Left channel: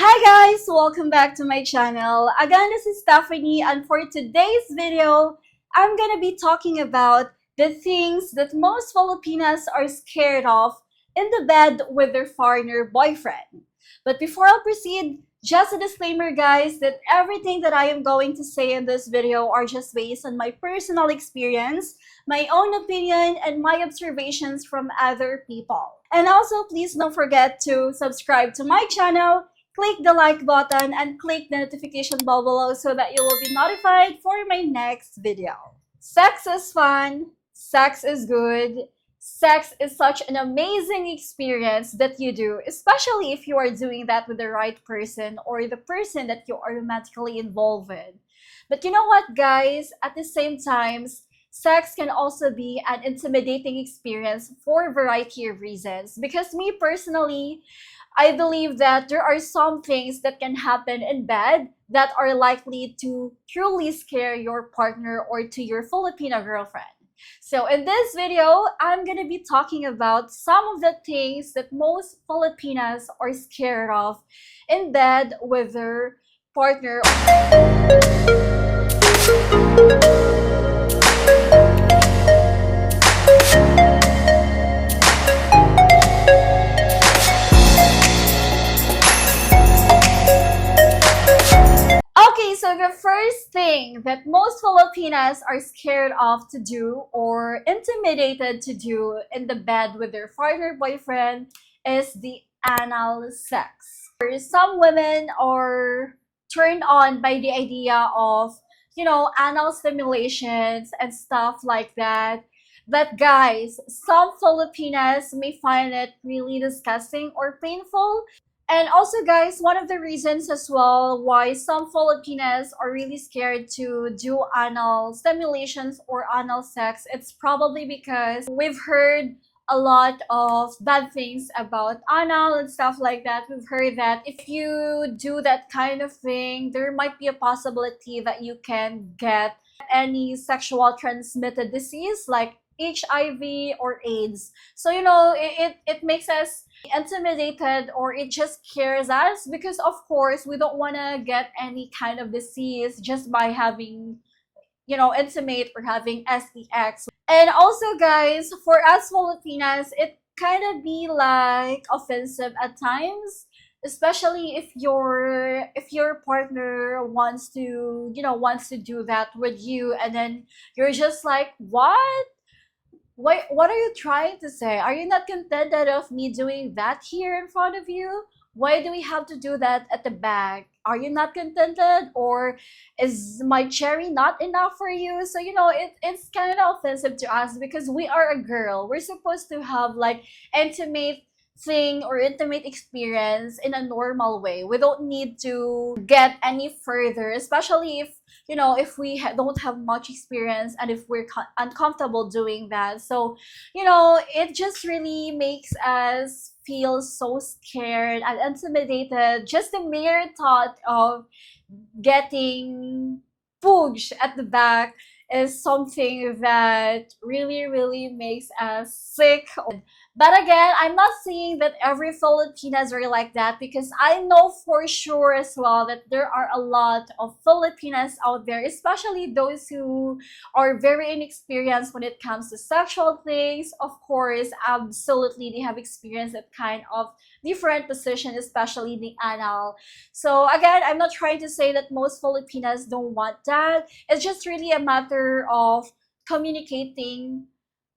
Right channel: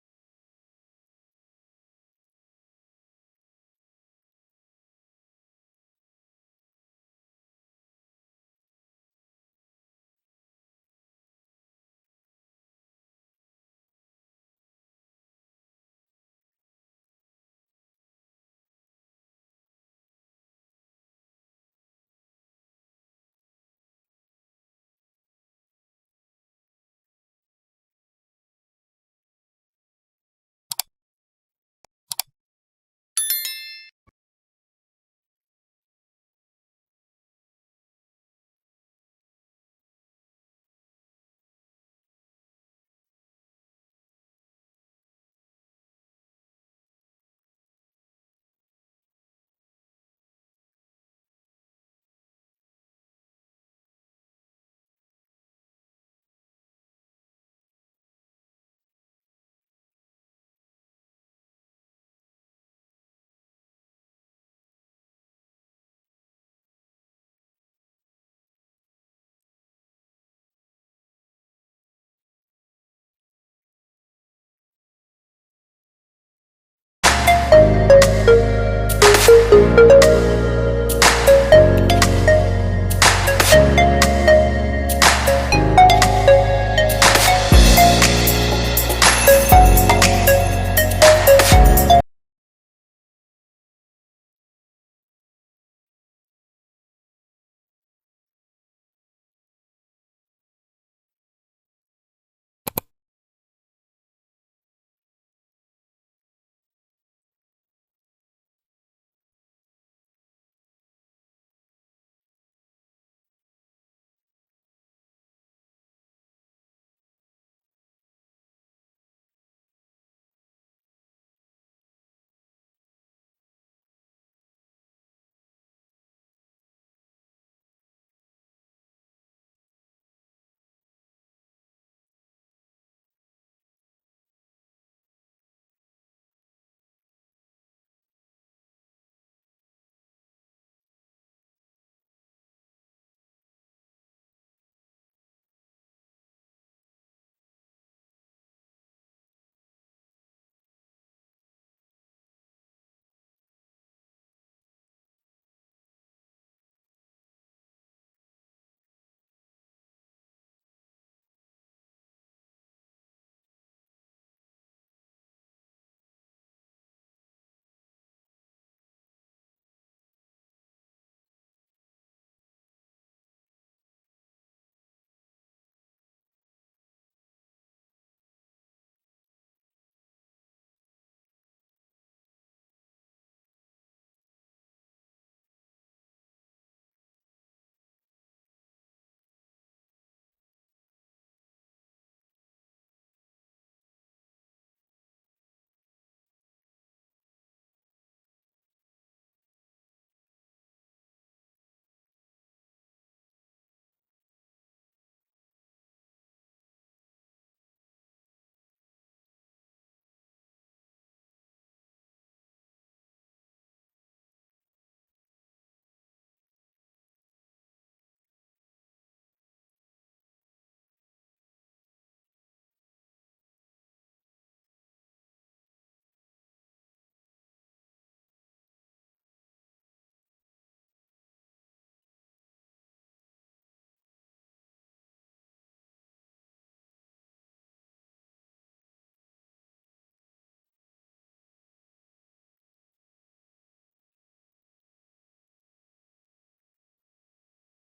Hi guys! Welcome back to my channel. Again, this is Stephanie, and for today's video, I'm gonna be talking about the things that most Filipinas are scared of in the bed with their foreigner boyfriend. But before I proceed, just a disclaimer guys that everything that I am going to say in this video are just based on my personal experience, my own opinion, and my observations from other people. And also, please don't forget to subscribe to my channel, click the like button, and click the notification bell below so that you will be notified for my next video. Sex is fun, sex is good, sex is such an amazing experience that you do, especially if you are doing that with the right person or the person that you are romantically involved with. But you know what, guys? At the same time, sex can also be an intimidating experience for a variety of reasons. Because me personally, I believe that there are some things that can happen in bed that are likely to truly scare your partner or to your Filipino girlfriend. So in this video, I'm going to be talking about some of the things that most Filipinas are scared of in bed with their partner. Okay, so the first thing that most Filipinas are scared of to do or intimidated to do in the bed with their partner boyfriend is the anal sex. Some women are turned on by the idea of, anal stimulations and stuff like that. But guys, some Filipinas may find it really disgusting or painful. And also, guys, one of the reasons as well why some Filipinas are really scared to do anal stimulations or anal sex, it's probably because we've heard a lot of bad things about anal and stuff like that. We've heard that if you do that kind of thing, there might be a possibility that you can get any sexual transmitted disease like HIV or AIDS. So, it makes us intimidated or it just scares us because of course we don't want to get any kind of disease just by having intimate or having SEX. And also guys, for us Filipinas, it kind of be like offensive at times, especially if your partner wants to do that with you, and then you're just like, what are you trying to say? Are you not contented of me doing that here in front of you? Why do we have to do that at the back? Are you not contented, or is my cherry not enough for you? So it's kind of offensive to us because we are a girl. We're supposed to have like intimate thing or intimate experience in a normal way. We don't need to get any further, especially if we don't have much experience and if we're uncomfortable doing that. So it just really makes us feel so scared and intimidated. Just the mere thought of getting pushed at the back is something that really, really makes us sick. But again, I'm not saying that every Filipinas are like that, because I know for sure as well that there are a lot of Filipinas out there, especially those who are very inexperienced when it comes to sexual things. Of course, absolutely, they have experienced that kind of different position, especially the anal. So again, I'm not trying to say that most Filipinas don't want that. It's just really a matter of communicating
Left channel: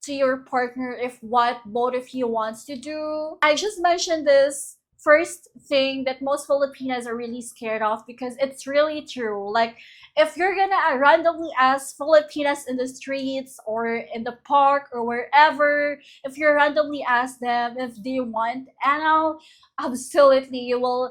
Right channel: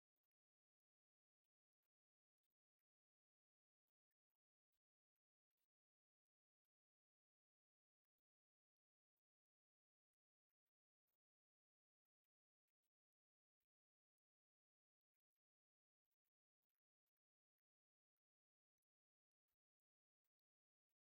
to your partner if what both of you wants to do. I just mentioned this first thing that most Filipinas are really scared of because it's really true. Like, if you're gonna randomly ask Filipinas in the streets or in the park or wherever, if you randomly ask them if they want anal, absolutely you will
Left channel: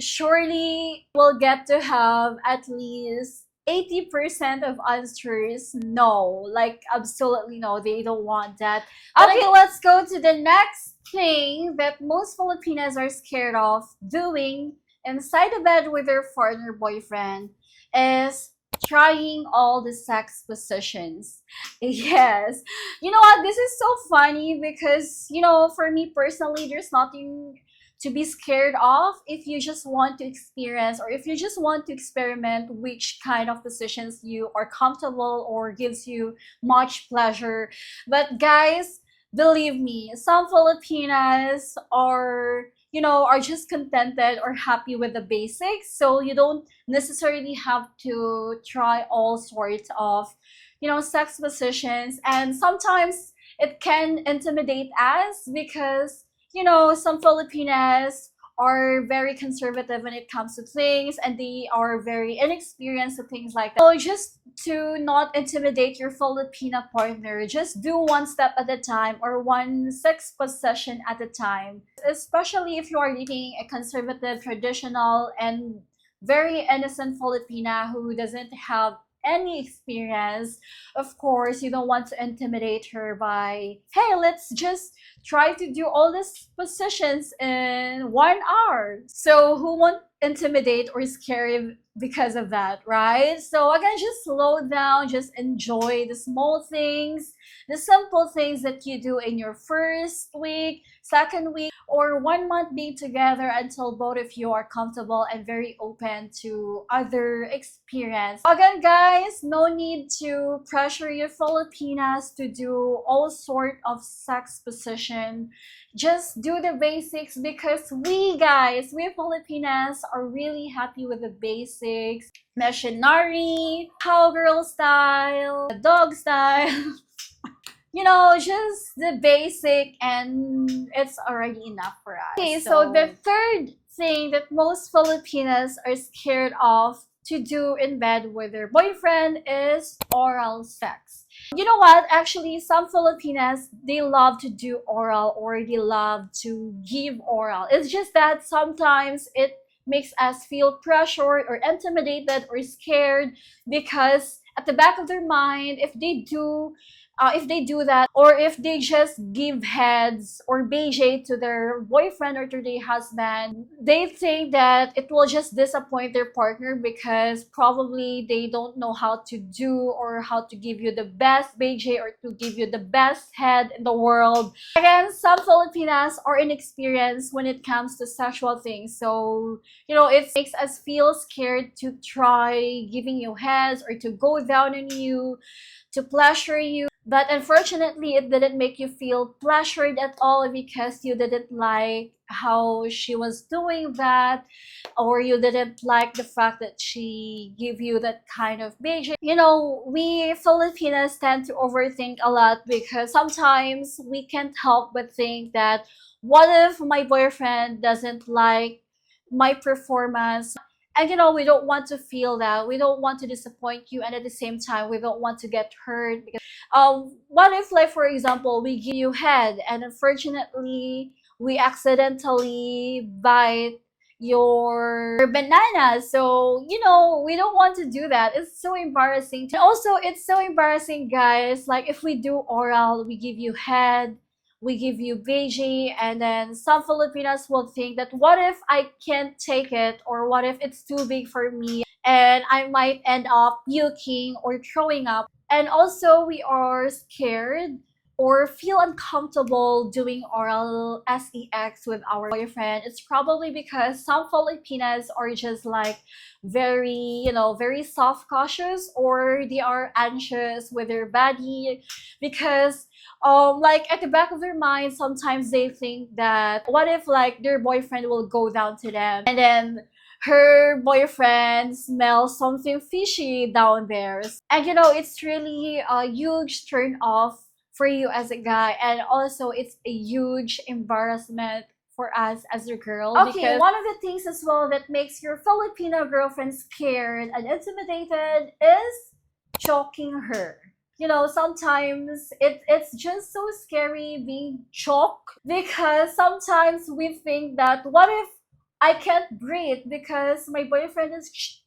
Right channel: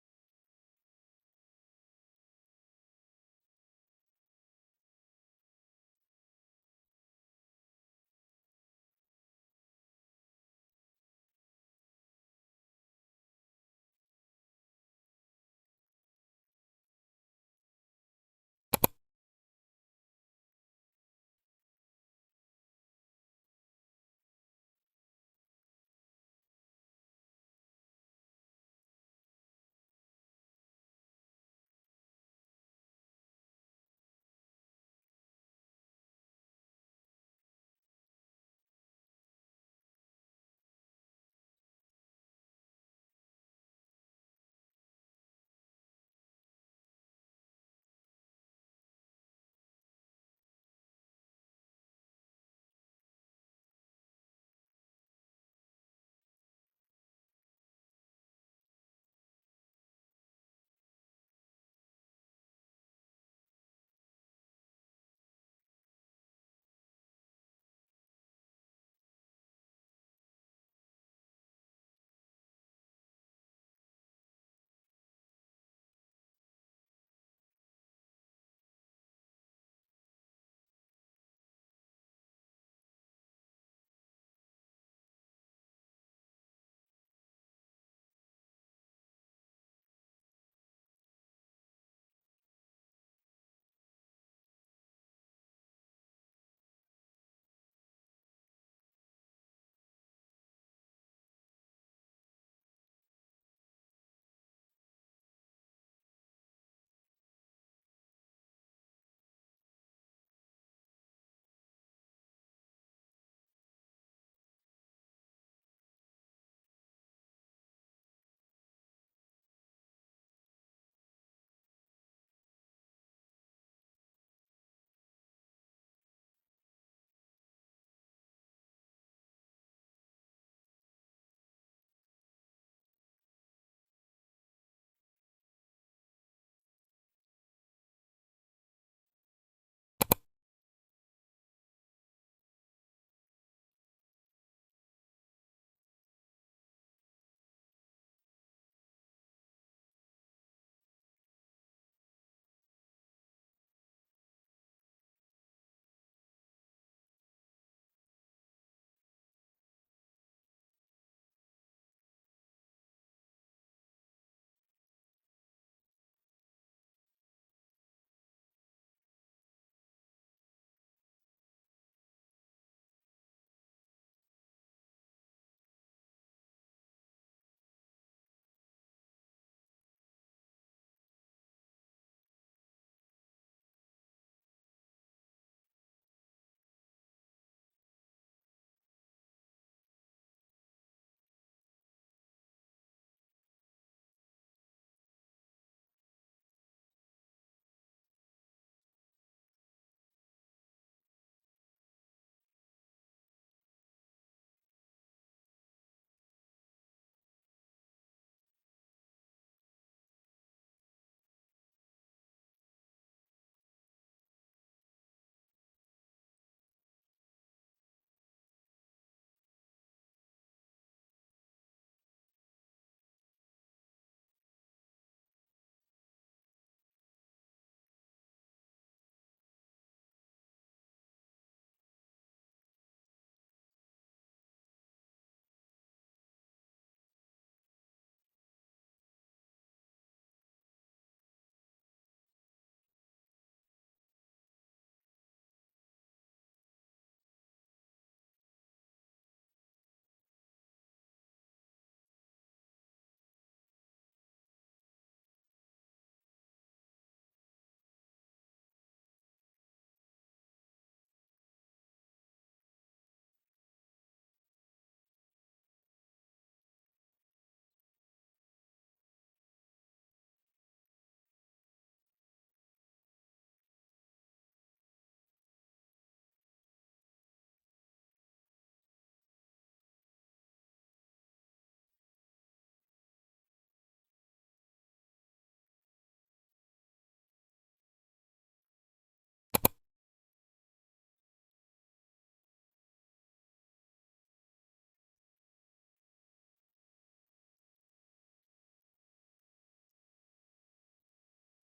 surely will get to have at least 80% of answers no, like absolutely no, they don't want that. Okay, let's go to the next thing that most Filipinas are scared of doing inside the bed with their partner boyfriend is trying all the sex positions. Yes. You know what? This is so funny because, for me personally, there's nothing to be scared of if you just want to experience or if you just want to experiment which kind of positions you are comfortable or gives you much pleasure. But guys, believe me, some Filipinas are, are just contented or happy with the basics. So you don't necessarily have to try all sorts of, sex positions. And sometimes it can intimidate us because, some Filipinas are very conservative when it comes to things and they are very inexperienced with things like that. So just to not intimidate your Filipina partner, just do one step at a time or one sex position at a time. Especially if you are dating a conservative, traditional, and very innocent Filipina who doesn't have any experience. Of course, you don't want to intimidate her by, hey, let's just try to do all these positions in 1 hour. So who won't intimidate or scare because of that, right? So again, just slow down, just enjoy the small things, the simple things that you do in your first week, second week, or 1 month being together until both of you are comfortable and very open to other experience. Again, guys, no need to pressure your Filipinas to do all sort of sex position. Just do the basics because we guys, we Filipinas are really happy with the basics. Missionary, cowgirl style, dog style. Just the basic, and it's already enough for us. Okay, so the third thing that most Filipinas are scared of to do in bed with their boyfriend is oral sex. You know what? Actually, some Filipinas, they love to do oral or they love to give oral. It's just that sometimes it makes us feel pressured or intimidated or scared because at the back of their mind, if they do that, or if they just give heads or BJ to their boyfriend or to their husband, they think that it will just disappoint their partner because probably they don't know how to do or how to give you the best BJ or to give you the best head in the world. Again, some Filipinas are inexperienced when it comes to sexual things. So, it makes us feel scared to try giving you heads or to go down on you, to pleasure you. But unfortunately, it didn't make you feel pleasured at all because you didn't like how she was doing that, or you didn't like the fact that she gave you that kind of BJ. We Filipinas tend to overthink a lot because sometimes we can't help but think that what if my boyfriend doesn't like my performance? And we don't want to feel that. We don't want to disappoint you, and at the same time, we don't want to get hurt. Because, what if, like for example, we give you head, and unfortunately, we accidentally bite your banana. So we don't want to do that. It's so embarrassing. And also, it's so embarrassing, guys. Like if we do oral, we give you head, we give you veggie, and then some Filipinos will think that what if I can't take it, or what if it's too big for me and I might end up puking or throwing up. And also we are scared or feel uncomfortable doing oral sex with our boyfriend. It's probably because some Filipinas are just like very, very soft cautious, or they are anxious with their body because like at the back of their mind sometimes they think that what if like their boyfriend will go down to them and then her boyfriend smells something fishy down there. And it's really a huge turn off for you as a guy, and also it's a huge embarrassment for us as a girl. Okay, because one of the things as well that makes your Filipino girlfriend scared and intimidated is choking her. Sometimes it's just so scary being choked because sometimes we think that what if I can't breathe because my boyfriend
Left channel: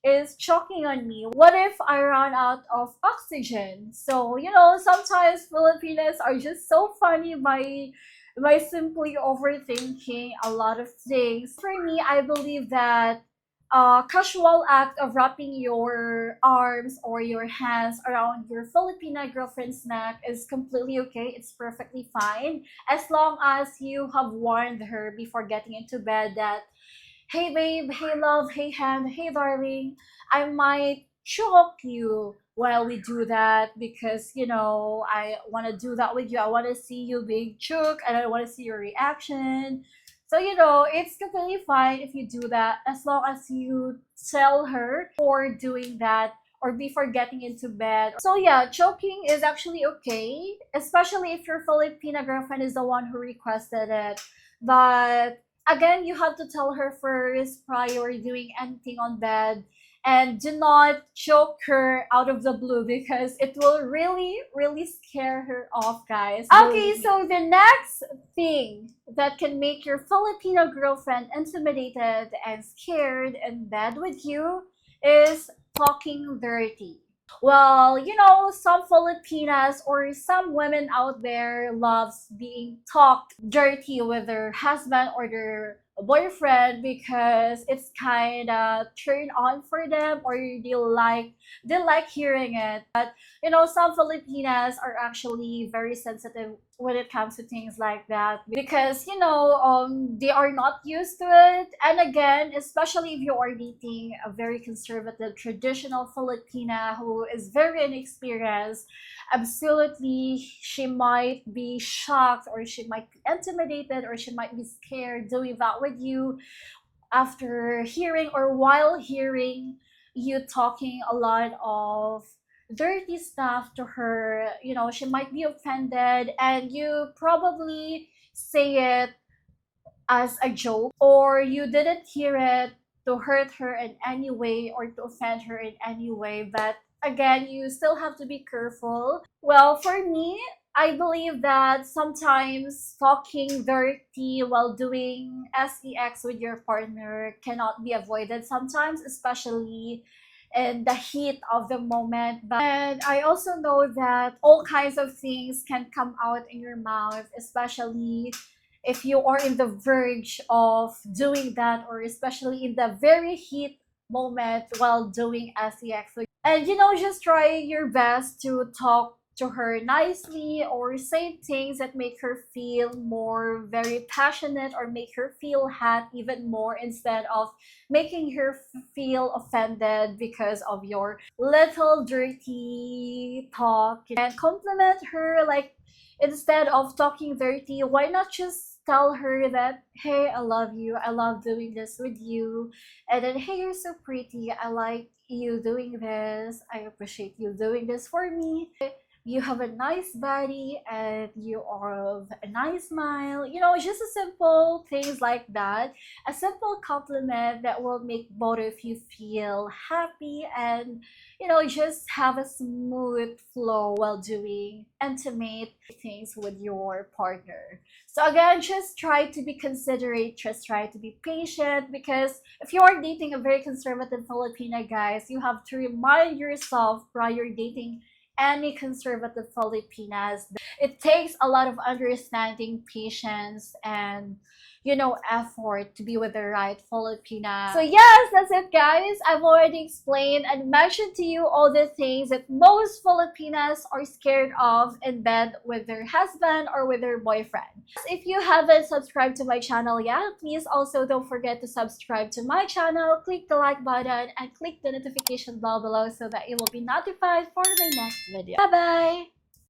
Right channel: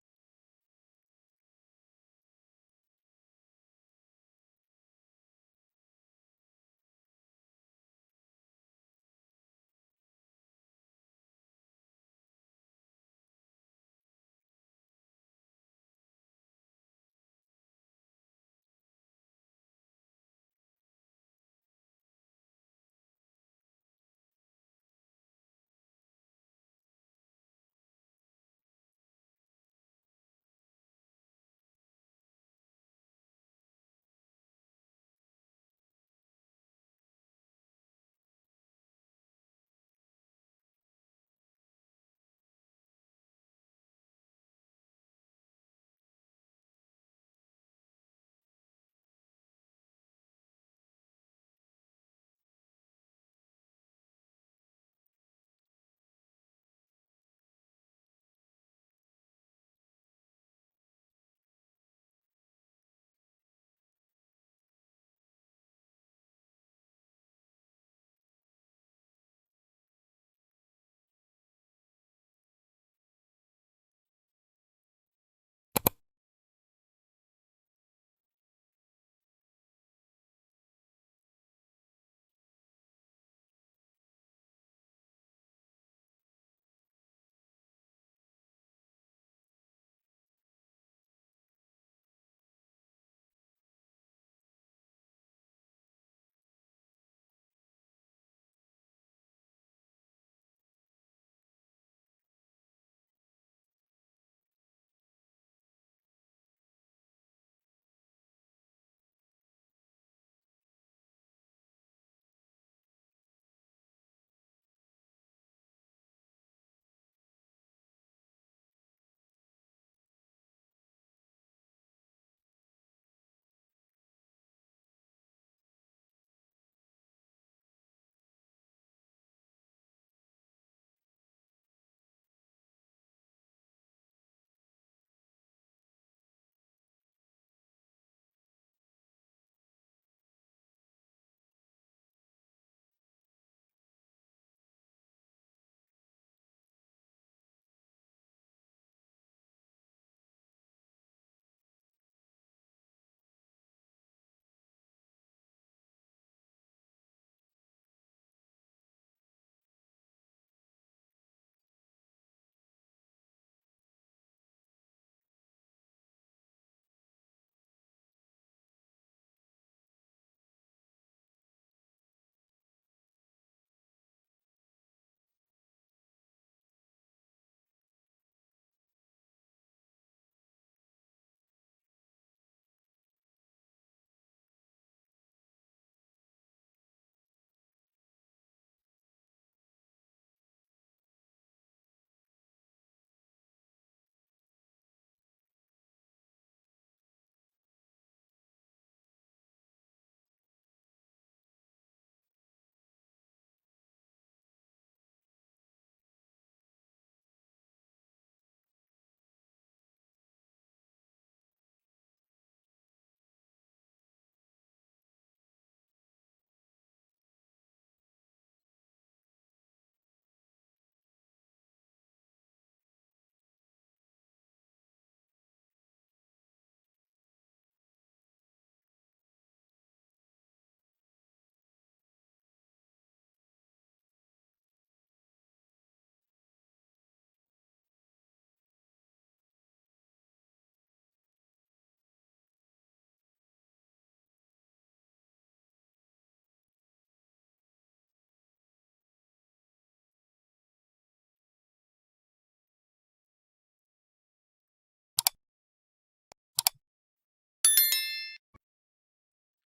is choking on me? What if I run out of oxygen? So sometimes Filipinos are just so funny by simply overthinking a lot of things. For me, I believe that casual act of wrapping your arms or your hands around your Filipina girlfriend's neck is completely okay. It's perfectly fine as long as you have warned her before getting into bed that, hey babe, hey love, hey hand, hey darling, I might choke you while we do that because I want to do that with you. I want to see you being choked and I want to see your reaction. So it's completely fine if you do that as long as you tell her for doing that or before getting into bed. So yeah, choking is actually okay, especially if your Filipina girlfriend is the one who requested it. But again, you have to tell her first prior doing anything on bed, and do not choke her out of the blue because it will really really scare her off, guys. Okay, so the next thing that can make your Filipino girlfriend intimidated and scared in bed with you is talking dirty. Well, some Filipinas or some women out there loves being talked dirty with their husband or their boyfriend because it's kind of turn on for them, or they like hearing it. But some Filipinas are actually very sensitive when it comes to things like that because they are not used to it. And again, especially if you are dating a very conservative traditional Filipina who is very inexperienced, absolutely she might be shocked or she might be intimidated or she might be scared doing that with you after hearing or while hearing you talking a lot of dirty stuff to her. She might be offended and you probably say it as a joke, or you didn't hear it to hurt her in any way or to offend her in any way. But again, you still have to be careful. Well, for me, I believe that sometimes talking dirty while doing sex with your partner cannot be avoided sometimes, especially in the heat of the moment. And I also know that all kinds of things can come out in your mouth, especially if you are in the verge of doing that, or especially in the very heat moment while doing sex. And just try your best to talk to her nicely or say things that make her feel more very passionate or make her feel hot even more, instead of making her feel offended because of your little dirty talk. And compliment her, like, instead of talking dirty, why not just tell her that, hey, I love you, I love doing this with you, and then, hey, you're so pretty, I like you doing this, I appreciate you doing this for me, you have a nice body and you have a nice smile. Just a simple things like that, a simple compliment that will make both of you feel happy and just have a smooth flow while doing intimate things with your partner. So again, just try to be considerate, just try to be patient, because if you are dating a very conservative Filipina, guys, you have to remind yourself prior dating any conservative Filipinas. It takes a lot of understanding, patience, and effort to be with the right Filipina. So yes, that's it, guys. I've already explained and mentioned to you all the things that most Filipinas are scared of in bed with their husband or with their boyfriend. If you haven't subscribed to my channel yet, please also don't forget to subscribe to my channel, click the like button, and click the notification bell below so that you will be notified for my next video. Bye bye!